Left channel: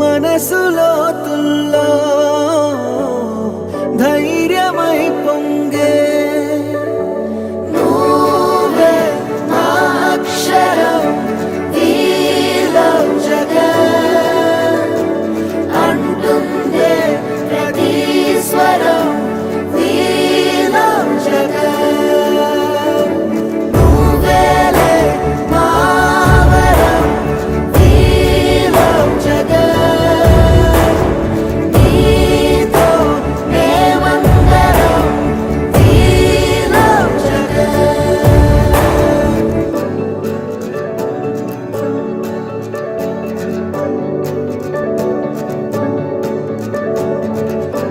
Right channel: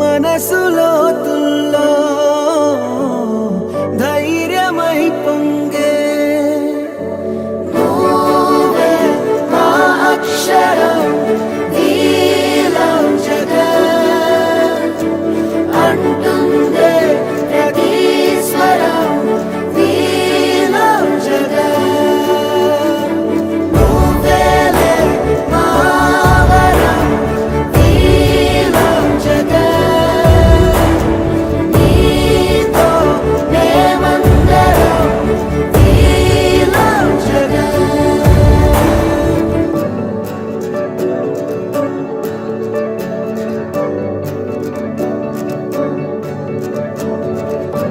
మనసులో తుల్లో ధైర్య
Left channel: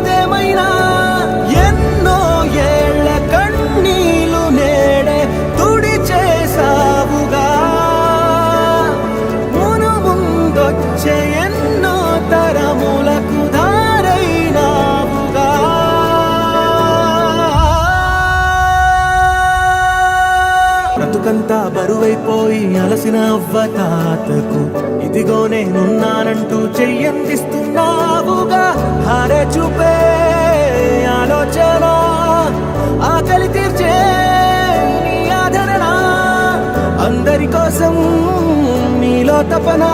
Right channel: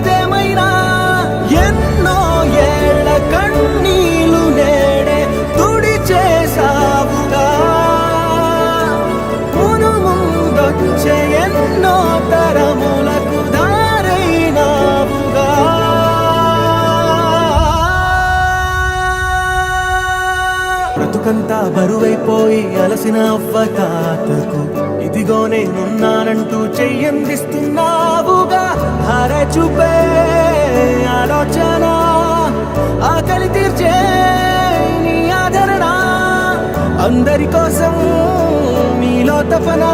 ఏదేమైనా ఎన్నో ఏళ్ళ కన్నీలు నేడే తుడి చేసావుగా మును ముందొచ్చే ఎన్నో తరములకు దారైనావుగా బ్రతుకంతా బరువైపోయి అలసిన అవ్వ తాతకు ఇదిగో నేనున్నానంటూ చెయ్యందిస్తున్నావుగా ధార చూపే ఆలోచన ఆకలి తీర్చే నీ ఆదరణ అందరి కోసం నీలో తపన